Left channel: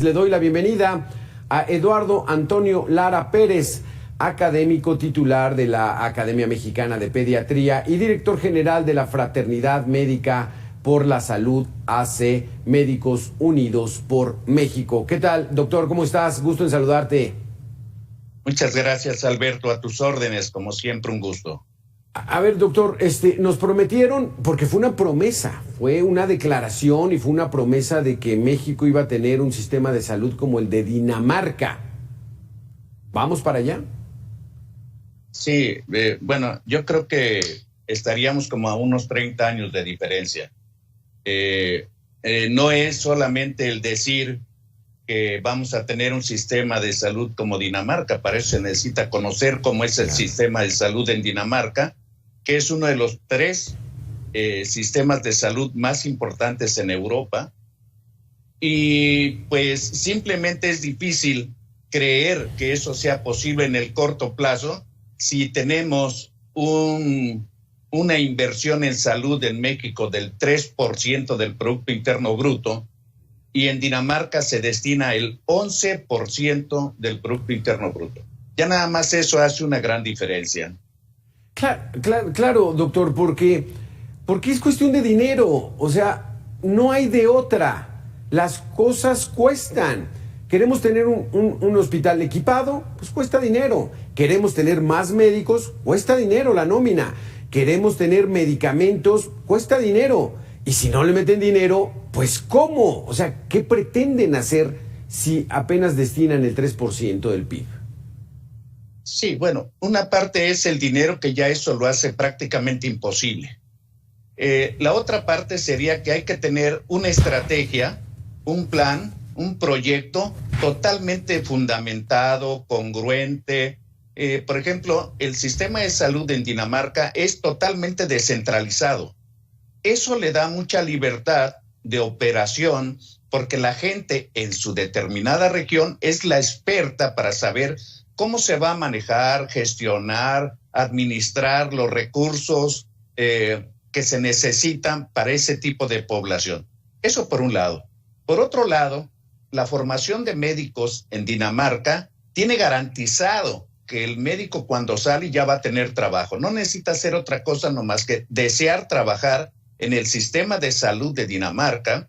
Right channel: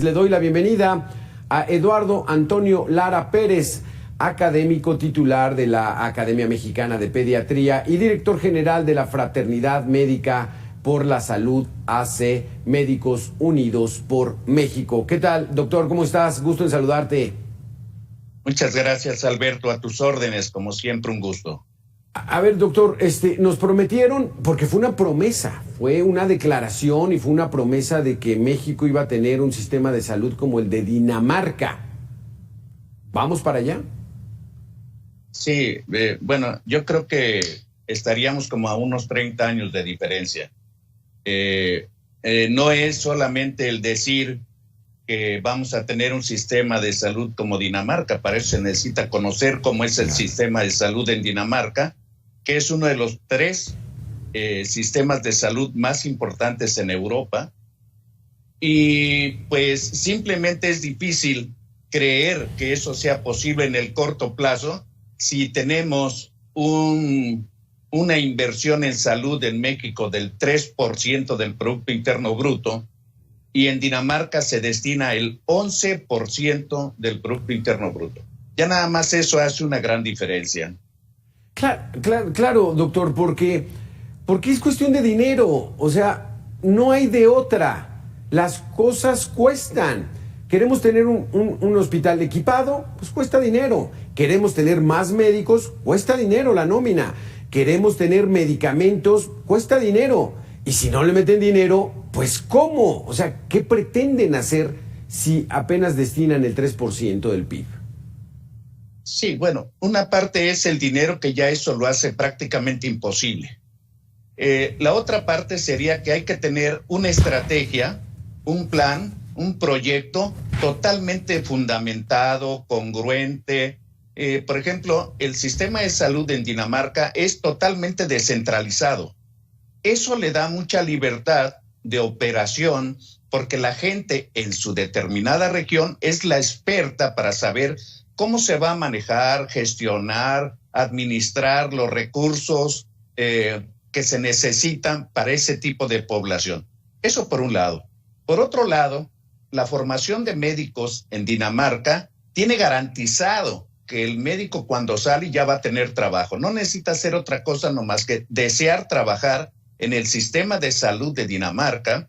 Le doy la bienvenida a Eduardo Antonio Lara Pérez, académico titular de la Academia Mexicana de Pediatría y director general de la Fraternidad Médica por la Salud AC, Médicos Unidos por México. ¿Qué tal, doctor? ¿Cómo estás? Gusto en saludarte. Muchas gracias, Alberto. A tus órdenes, como siempre, un gusto. A ver, doctor, nos prometieron, porque fue una promesa, fue una declaración y fue una promesa de que México iba a tener un sistema de salud como el de Dinamarca. ¿Vamos para allá? Sí, bueno, yo creo que estaríamos como a unos 30 años de diferencia. No es solamente el decir que vamos a tener un sistema de salud como Dinamarca, para eso se necesita conocer cómo es el sistema de salud en Dinamarca, que es uno de los 3 sistemas de salud más importantes en Europa. Y pues simplemente es difícil creer que eso sea posible en el corto plazo si tenemos una inversión en salud en México del 3% del Producto Interno Bruto y en Dinamarca se destina el 11% del Producto Interno Bruto. Ya nada más eso hace una gran diferencia. Claro, doctor, porque es cuestión de dinero, o sea, no hay de otra. Las cosas cuestan. Queremos tener un hospital equipado, pues cuesta dinero. Queremos tener más médicos, cuesta dinero la nómina. Queremos tener medicamentos, cuesta dinero. Y si no le meten dinero, pues ¿cómo? O sea, ¿qué pretenden hacer si apenas destinan el 3% del PIB? Sí, bueno, una parte es el dinero, que ya eso lo hace prácticamente imposible. La otra parte sería que hay que tener una estrategia, un plan, un proyecto totalmente fundamentado, congruente. Por ejemplo, el sistema de salud en Dinamarca es totalmente descentralizado. Eso le da mucha libertad de operación porque la gente en su determinada región es la experta para saber cómo se va a manejar, gestionar, administrar los recursos que se necesitan para ese tipo de población. Eso por un lado. Por otro lado, la formación de médicos en Dinamarca tiene garantizado que el médico cuando sale ya va a tener trabajo. No necesita hacer otra cosa nomás que desear trabajar en el sistema de salud de Dinamarca,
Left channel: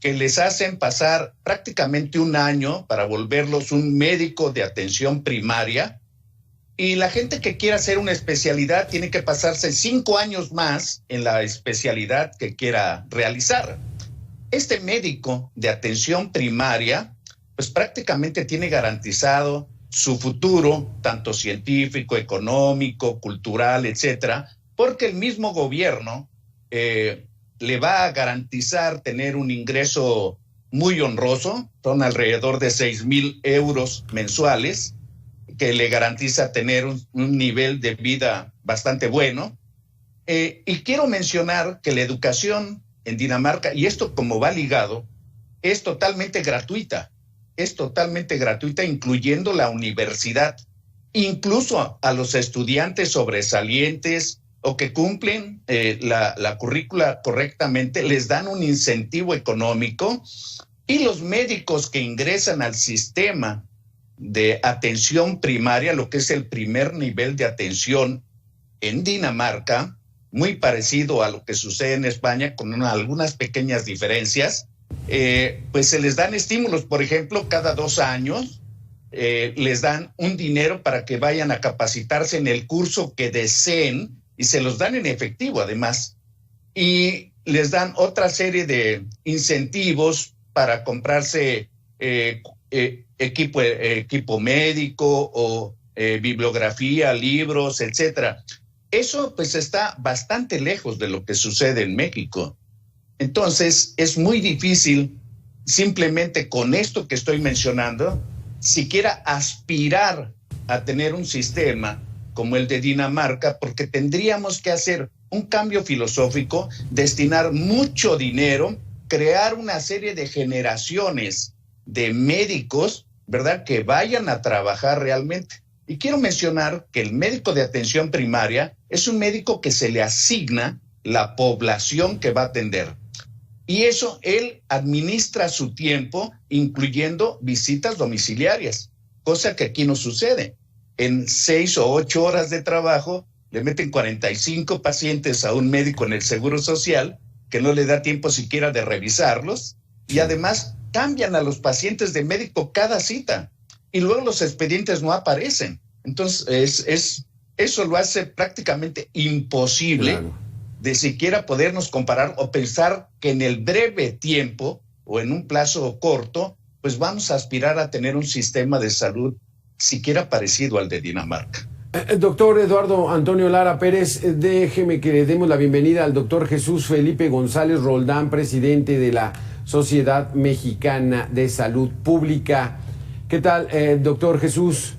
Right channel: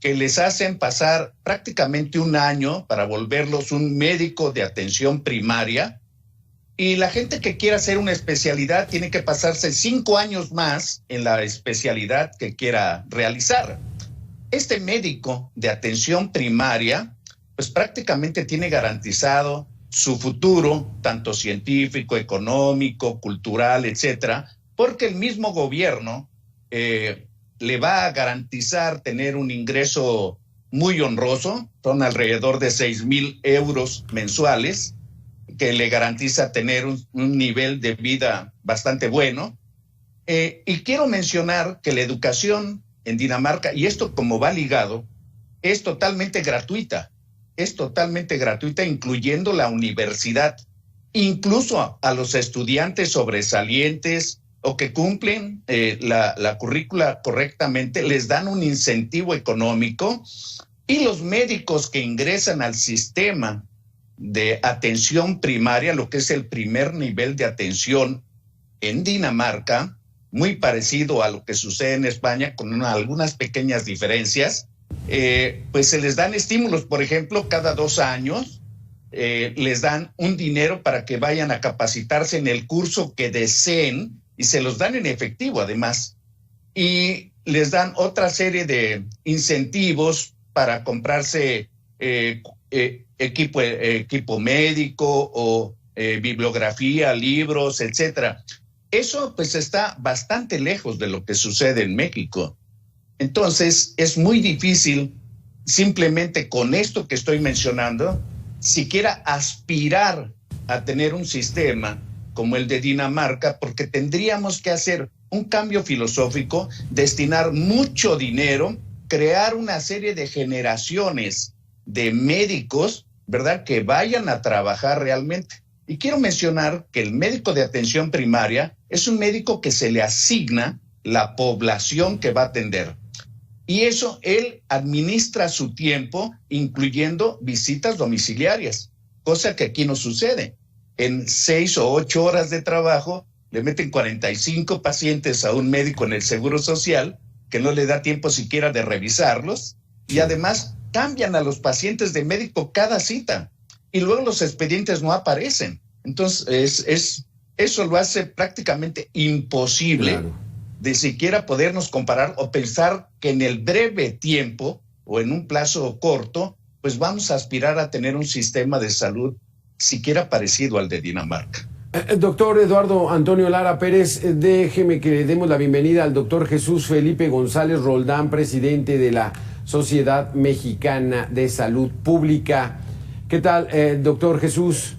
que les hacen pasar prácticamente un año para volverlos un médico de atención primaria, y la gente que quiera hacer una especialidad tiene que pasarse 5 años más en la especialidad que quiera realizar. Este médico de atención primaria, pues prácticamente tiene garantizado su futuro, tanto científico, económico, cultural, etcétera, porque el mismo gobierno le va a garantizar tener un ingreso muy honroso, son alrededor de 6,000 euros mensuales, que le garantiza tener un nivel de vida bastante bueno. Y quiero mencionar que la educación en Dinamarca, y esto como va ligado, es totalmente gratuita, incluyendo la universidad. Incluso a los estudiantes sobresalientes o que cumplen la currícula correctamente, les dan un incentivo económico, y los médicos que ingresan al sistema de atención primaria, lo que es el primer nivel de atención en Dinamarca, muy parecido a lo que sucede en España, con algunas pequeñas diferencias, pues se les dan estímulos. Por ejemplo, cada 2 años les dan un dinero para que vayan a capacitarse en el curso que deseen, y se los dan en efectivo además, y les dan otra serie de incentivos para comprarse equipo médico o bibliografía, libros, etcétera. Eso pues está bastante lejos de lo que sucede en México. Entonces es muy difícil simplemente con esto que estoy mencionando siquiera aspirar a tener un sistema como el de Dinamarca, porque tendríamos que hacer un cambio filosófico, destinar mucho dinero, crear una serie de generaciones de médicos, ¿verdad?, que vayan a trabajar realmente. Y quiero mencionar que el médico de atención primaria es un médico que se le asigna la población que va a atender. Y eso él administra su tiempo, incluyendo visitas domiciliarias, cosa que aquí no sucede. En 6 o 8 horas de trabajo le meten 45 pacientes a un médico en el Seguro Social, que no le da tiempo siquiera de revisarlos, y además cambian a los pacientes de médico cada cita, y luego los expedientes no aparecen. Entonces, eso lo hace prácticamente imposible, claro, de siquiera podernos comparar o pensar que en el breve tiempo o en un plazo corto, pues vamos a aspirar a tener un sistema de salud siquiera parecido al de Dinamarca. Doctor Eduardo Antonio Lara Pérez, déjeme que le demos la bienvenida al doctor Jesús Felipe González Roldán, presidente de la Sociedad Mexicana de Salud Pública. ¿Qué tal, doctor Jesús?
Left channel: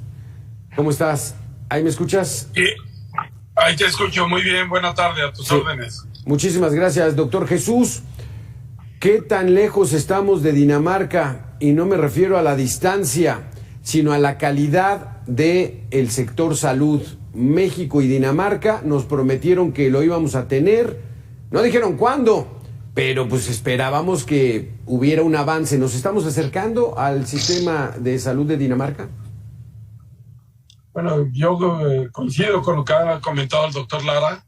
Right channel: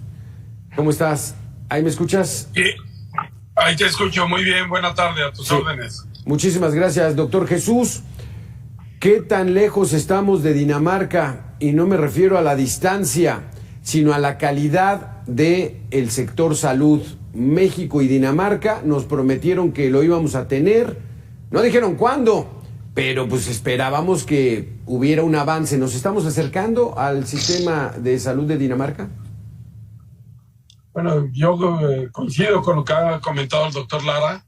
¿Cómo estás? ¿Ahí me escuchas? Sí, ahí te escucho muy bien. Buena tarde, a tus órdenes. Muchísimas gracias, doctor Jesús. ¿Qué tan lejos estamos de Dinamarca? Y no me refiero a la distancia, sino a la calidad del sector salud. México y Dinamarca nos prometieron que lo íbamos a tener. No dijeron cuándo, pero pues esperábamos que hubiera un avance. ¿Nos estamos acercando al sistema de salud de Dinamarca? Bueno, yo coincido con lo que ha comentado el doctor Lara.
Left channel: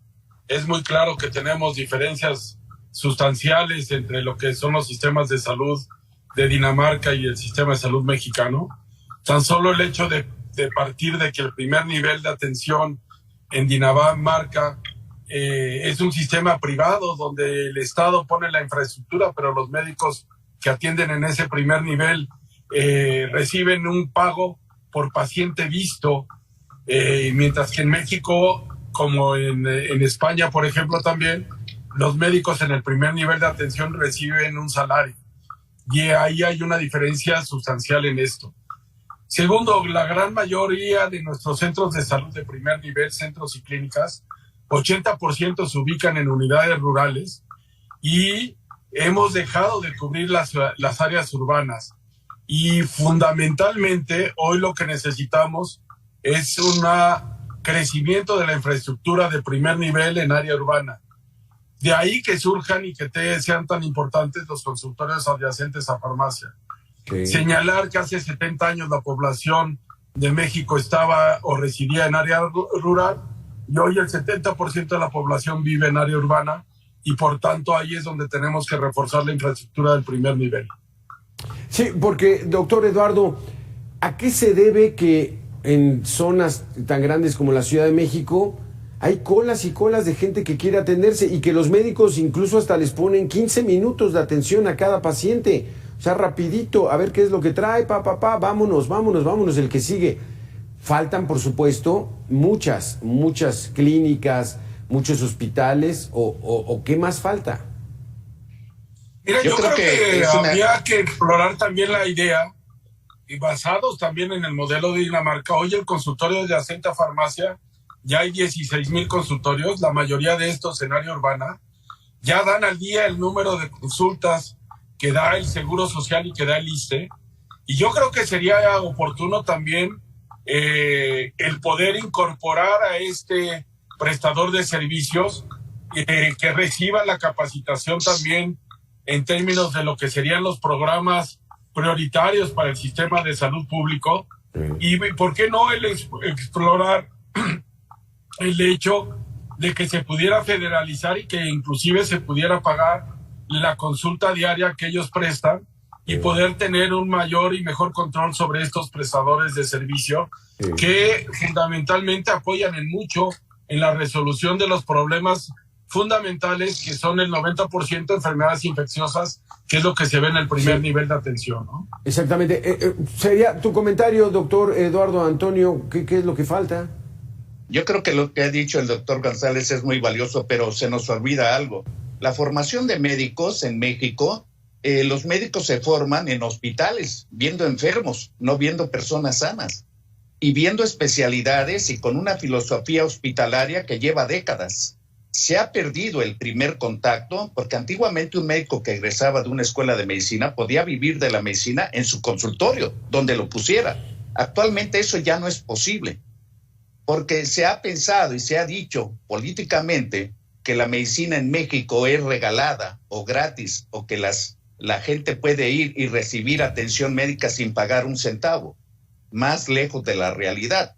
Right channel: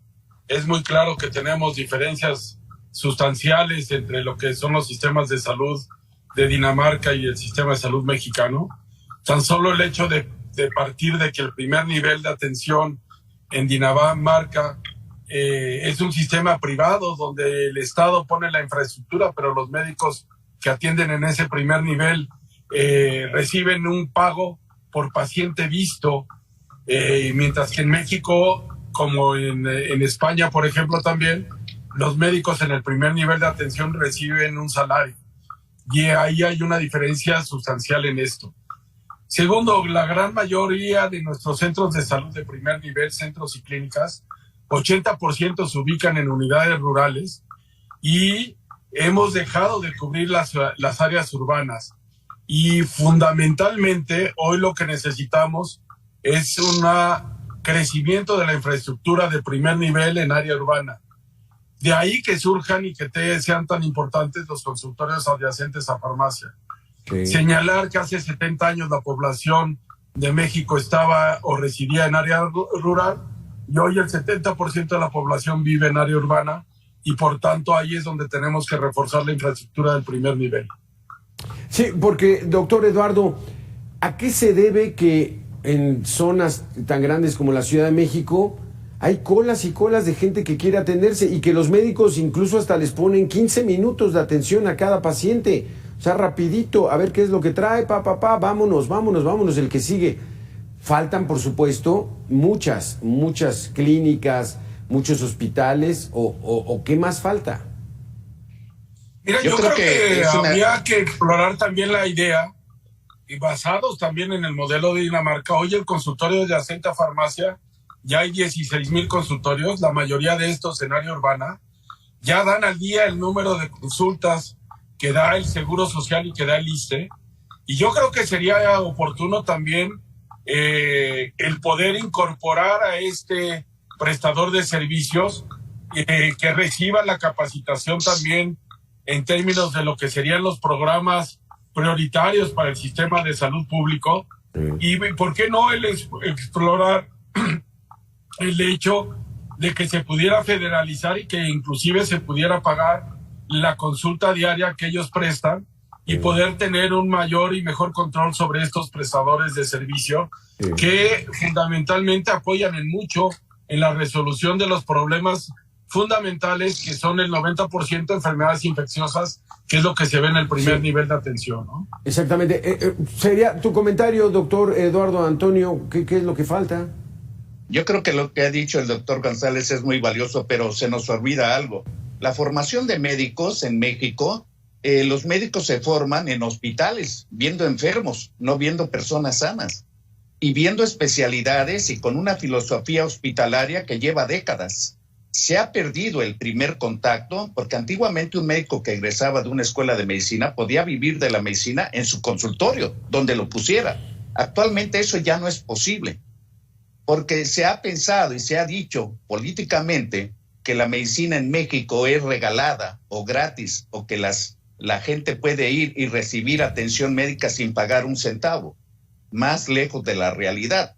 Es muy claro que tenemos diferencias sustanciales entre lo que son los sistemas de salud de Dinamarca y el sistema de salud mexicano. Tan solo el hecho de partir de que el primer nivel de atención en Dinamarca es un sistema privado donde el Estado pone la infraestructura, pero los médicos que atienden en ese primer nivel reciben un pago por paciente visto, mientras que en México, como en España, por ejemplo, también, los médicos en el primer nivel de atención reciben un salario. Y ahí hay una diferencia sustancial en esto. Segundo, la gran mayoría de nuestros centros de salud de primer nivel, centros y clínicas, 80% se ubican en unidades rurales y hemos dejado de cubrir las áreas urbanas. Y fundamentalmente, hoy lo que necesitamos es un crecimiento de la infraestructura de primer nivel en área urbana. De ahí que surjan y que sean tan importantes los consultorios adyacentes a farmacia. Sí. Señalar que hace 70 años la población de México estaba o residía en área rural y hoy el 70% de la población vive en área urbana y por tanto ahí es donde tenemos que reforzar la infraestructura del primer nivel. Sí, porque, doctor Eduardo, ¿a qué se debe que en zonas tan grandes como la Ciudad de México hay colas y colas de gente que quiere atenderse y que los médicos incluso hasta les ponen 15 minutos de atención a cada paciente? O sea, rapidito, a ver qué es lo que trae, vámonos, el que sigue. Faltan, por supuesto, muchas clínicas, muchos hospitales, o ¿qué más falta? Mira, yo creo que habría que explorar también la idea, y basados también en el modelo de Dinamarca. Hoy el consultorio de adyacente a farmacia, ya hay 16,000 consultorios, la mayoría de estos en área urbana, ya dan al día el número de consultas que da el Seguro Social y que da el ISSSTE, y yo creo que sería oportuno también el poder incorporar a este prestador de servicios que reciba la capacitación también en términos de lo que serían los programas prioritarios para el sistema de salud público, y por qué no el explorar el hecho de que se pudiera federalizar y que inclusive se pudiera pagar la consulta diaria que ellos prestan y poder tener un mayor y mejor control sobre estos prestadores de servicio que fundamentalmente apoyan en mucho en la resolución de los problemas fundamentales que son el 90% de enfermedades infecciosas, que es lo que se ve en el primer nivel de atención, ¿no? Exactamente. Sería tu comentario, doctor Eduardo Antonio, ¿qué es lo que falta? Yo creo que lo que ha dicho el doctor González es muy valioso, pero se nos olvida algo. La formación de médicos en México, los médicos se forman en hospitales, viendo enfermos, no viendo personas sanas, y viendo especialidades y con una filosofía hospitalaria que lleva décadas. Se ha perdido el primer contacto, porque antiguamente un médico que egresaba de una escuela de medicina podía vivir de la medicina en su consultorio, donde lo pusiera. Actualmente eso ya no es posible, porque se ha pensado y se ha dicho políticamente que la medicina en México es regalada o gratis, o que la gente puede ir y recibir atención médica sin pagar un centavo, más lejos de la realidad.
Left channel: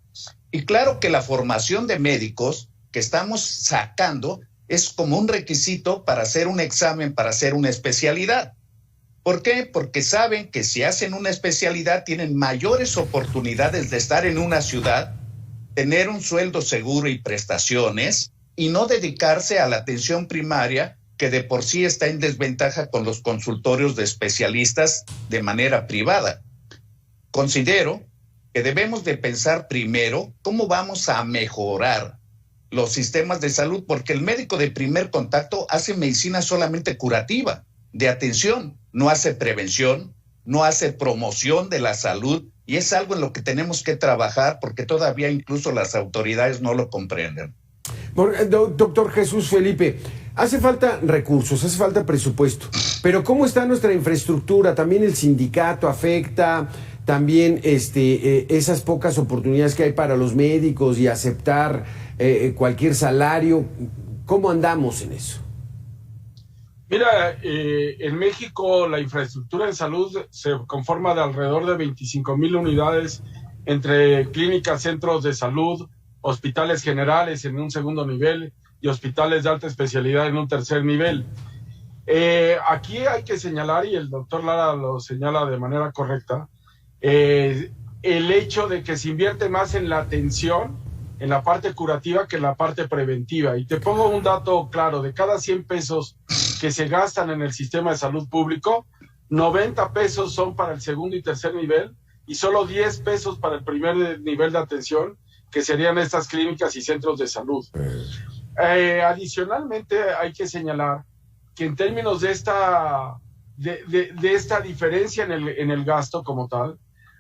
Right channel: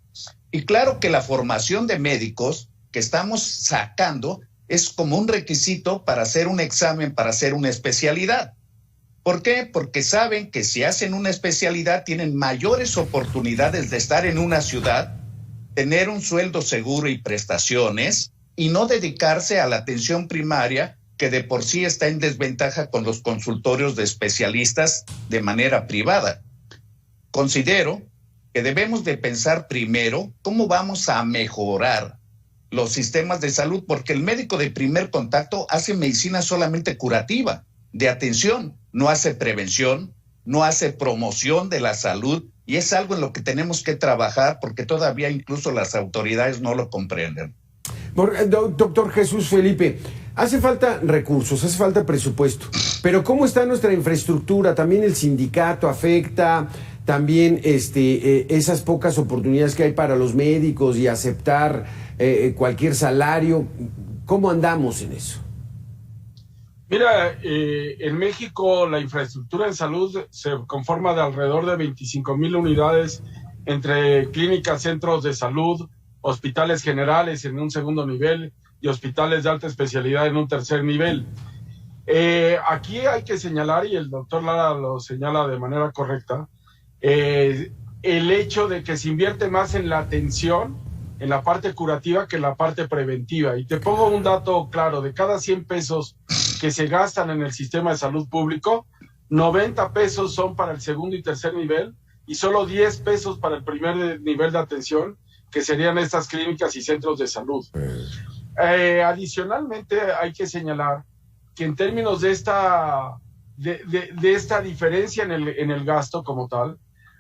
Y claro que la formación de médicos que estamos sacando es como un requisito para hacer un examen, para hacer una especialidad. ¿Por qué? Porque saben que si hacen una especialidad tienen mayores oportunidades de estar en una ciudad, tener un sueldo seguro y prestaciones, y no dedicarse a la atención primaria, que de por sí está en desventaja con los consultorios de especialistas de manera privada. Considero que debemos de pensar primero cómo vamos a mejorar los sistemas de salud, porque el médico de primer contacto hace medicina solamente curativa, de atención, no hace prevención, no hace promoción de la salud, y es algo en lo que tenemos que trabajar porque todavía incluso las autoridades no lo comprenden. Doctor Jesús Felipe, hace falta recursos, hace falta presupuesto, pero ¿cómo está nuestra infraestructura? También el sindicato afecta, también esas pocas oportunidades que hay para los médicos y aceptar cualquier salario. ¿Cómo andamos en eso? Mira, en México la infraestructura en salud se conforma de alrededor de 25,000 unidades entre clínicas, centros de salud, hospitales generales en un segundo nivel y hospitales de alta especialidad en un tercer nivel. Aquí hay que señalar, y el doctor Lara lo señala de manera correcta, el hecho de que se invierte más en la atención, en la parte curativa, que en la parte preventiva. Y te pongo un dato claro: de cada 100 pesos que se gastan en el sistema de salud público, 90 pesos son para el segundo y tercer nivel y solo 10 pesos para el primer nivel de atención, que serían estas clínicas y centros de salud. Adicionalmente, hay que señalar que en términos de esta diferencia en el gasto como tal,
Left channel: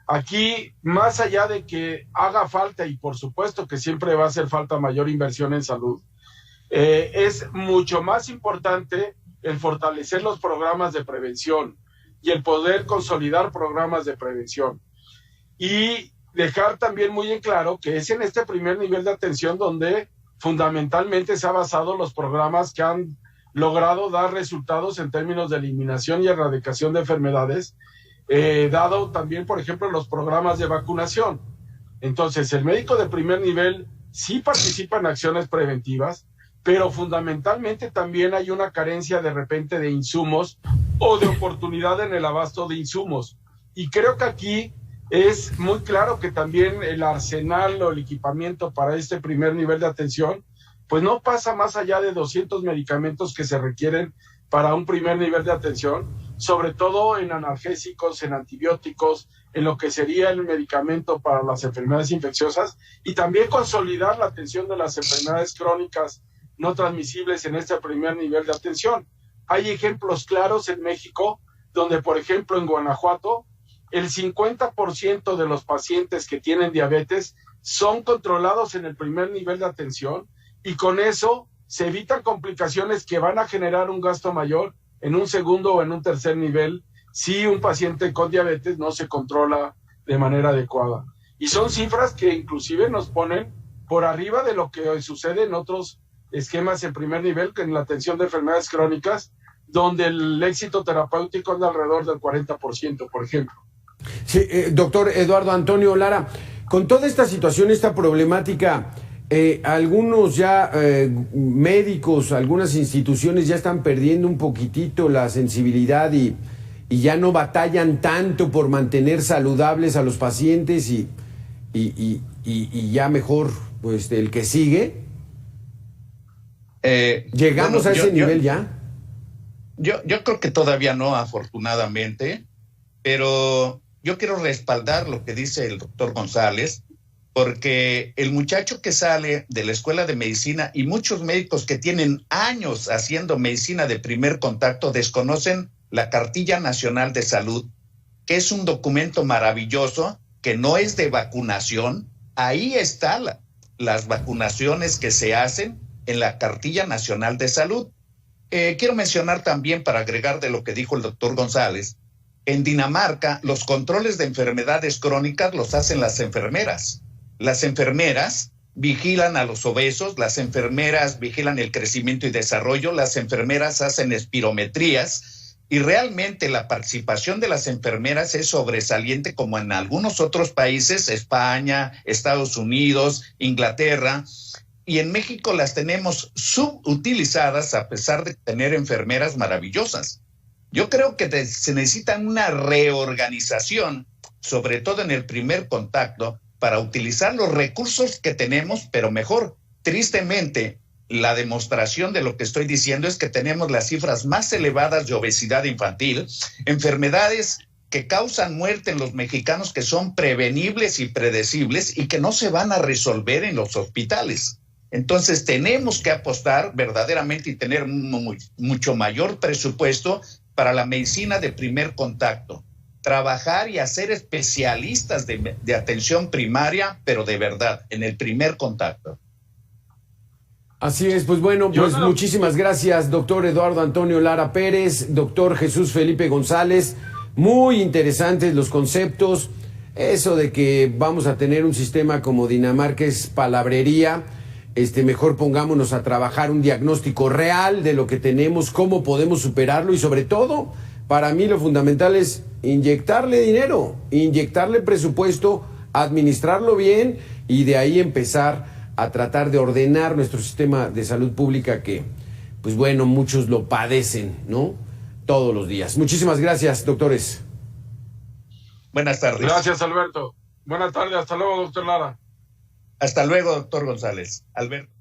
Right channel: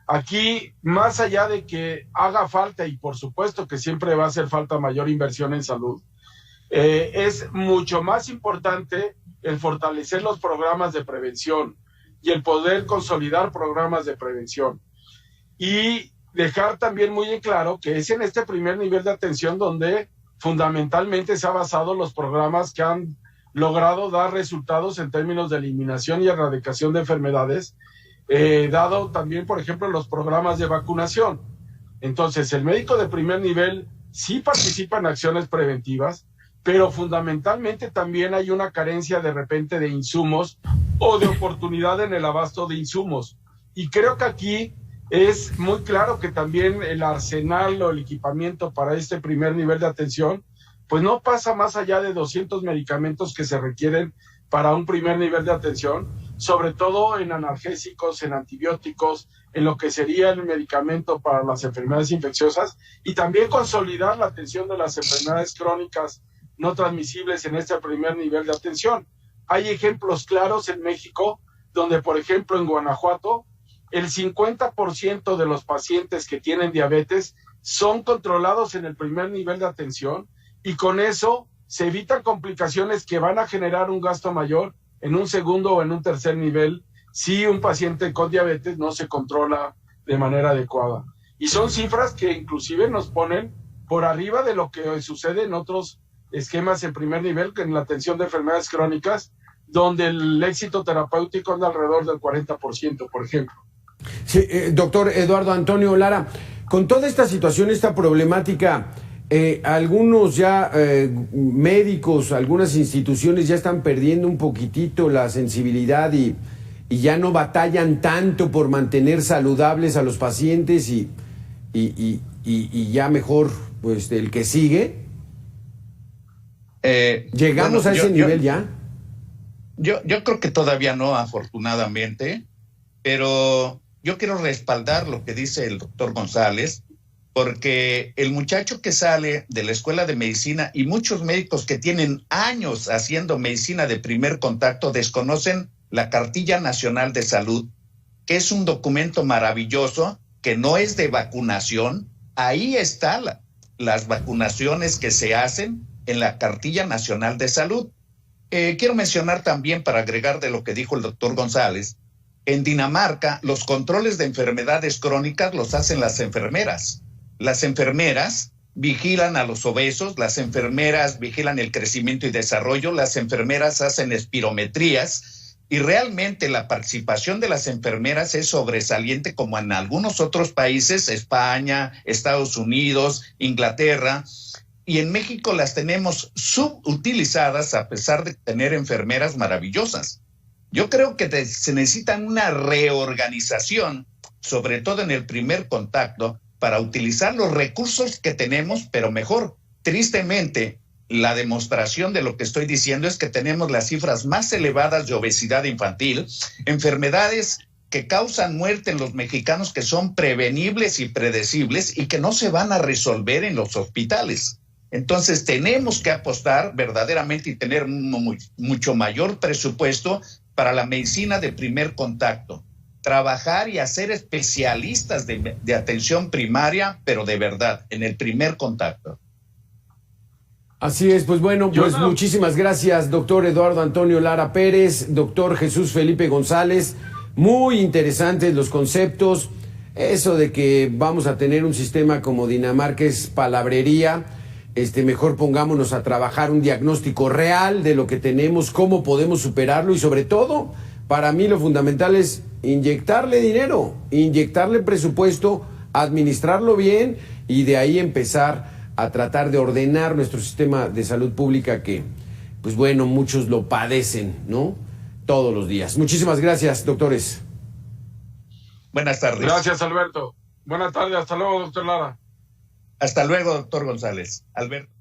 aquí, más allá de que haga falta, y por supuesto que siempre va a hacer falta mayor inversión en salud, es mucho más importante el fortalecer los programas de prevención y el poder consolidar programas de prevención. Y dejar también muy en claro que es en este primer nivel de atención donde fundamentalmente se han basado los programas que han logrado dar resultados en términos de eliminación y erradicación de enfermedades, dado también, por ejemplo, los programas de vacunación. Entonces, el médico de primer nivel sí participa en acciones preventivas, pero fundamentalmente también hay una carencia de repente de insumos o de oportunidad en el abasto de insumos. Y creo que aquí es muy claro que también el arsenal o el equipamiento para este primer nivel de atención, pues no pasa más allá de 200 medicamentos que se requieren para un primer nivel de atención, sobre todo en analgésicos, en antibióticos, en lo que sería el medicamento para las enfermedades infecciosas, y también consolidar la atención de las enfermedades crónicas no transmisibles en este primer nivel de atención. Hay ejemplos claros en México donde, por ejemplo, en Guanajuato, el 50% de los pacientes que tienen diabetes son controlados en el primer nivel de atención, y con eso se evitan complicaciones que van a generar un gasto mayor en un segundo o en un tercer nivel si un paciente con diabetes no se controla de manera adecuada. Y son cifras que inclusive nos ponen por arriba de lo que sucede en otros esquemas en primer nivel, que en la atención de enfermedades crónicas, donde el éxito terapéutico es de alrededor del 40%, por ejemplo. Sí, doctor Eduardo Antonio Lara, con toda esta situación, esta problemática, algunos ya médicos, algunas instituciones ya están perdiendo un poquitito la sensibilidad y ya no batallan tanto por mantener saludables a los pacientes y ya mejor, pues, el que sigue. ¿Llegamos a ese nivel ya? Yo creo que todavía no, afortunadamente, pero yo quiero respaldar lo que dice el doctor González, porque el muchacho que sale de la escuela de medicina y muchos médicos que tienen años haciendo medicina de primer contacto desconocen la Cartilla Nacional de Salud, que es un documento maravilloso, que no es de vacunación. Ahí están las vacunaciones que se hacen en la Cartilla Nacional de Salud. Quiero mencionar también, para agregar de lo que dijo el doctor González, en Dinamarca los controles de enfermedades crónicas los hacen las enfermeras. Las enfermeras vigilan a los obesos, las enfermeras vigilan el crecimiento y desarrollo, las enfermeras hacen espirometrías y realmente la participación de las enfermeras es sobresaliente como en algunos otros países, España, Estados Unidos, Inglaterra, y en México las tenemos subutilizadas a pesar de tener enfermeras maravillosas. Yo creo que se necesita una reorganización, sobre todo en el primer contacto, para utilizar los recursos que tenemos, pero mejor. Tristemente, la demostración de lo que estoy diciendo es que tenemos las cifras más elevadas de obesidad infantil, enfermedades que causan muerte en los mexicanos que son prevenibles y predecibles y que no se van a resolver en los hospitales. Entonces tenemos que apostar verdaderamente y tener mucho mayor presupuesto para la medicina de primer contacto. Trabajar y hacer especialistas de atención primaria, pero de verdad, en el primer contacto. Así es, pues bueno, pues muchísimas gracias, doctor Eduardo Antonio Lara Pérez, doctor Jesús Felipe González. Muy interesantes los conceptos. Eso de que vamos a tener un sistema como Dinamarca es palabrería. Mejor pongámonos a trabajar un diagnóstico real de lo que tenemos, cómo podemos superarlo y sobre todo, para mí lo fundamental es inyectarle dinero, inyectarle presupuesto, administrarlo bien y de ahí empezar a tratar de ordenar nuestro sistema de salud pública que, pues bueno, muchos lo padecen, ¿no? Todos los días. Muchísimas gracias, doctores. Buenas tardes. Gracias, Alberto. Buenas tardes, hasta luego, doctor Lara. Hasta luego, doctor González. Alberto.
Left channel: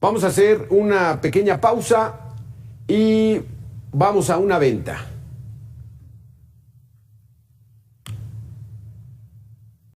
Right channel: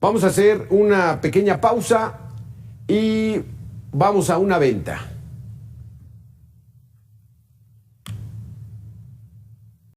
Vamos a hacer una pequeña pausa y vamos a una venta.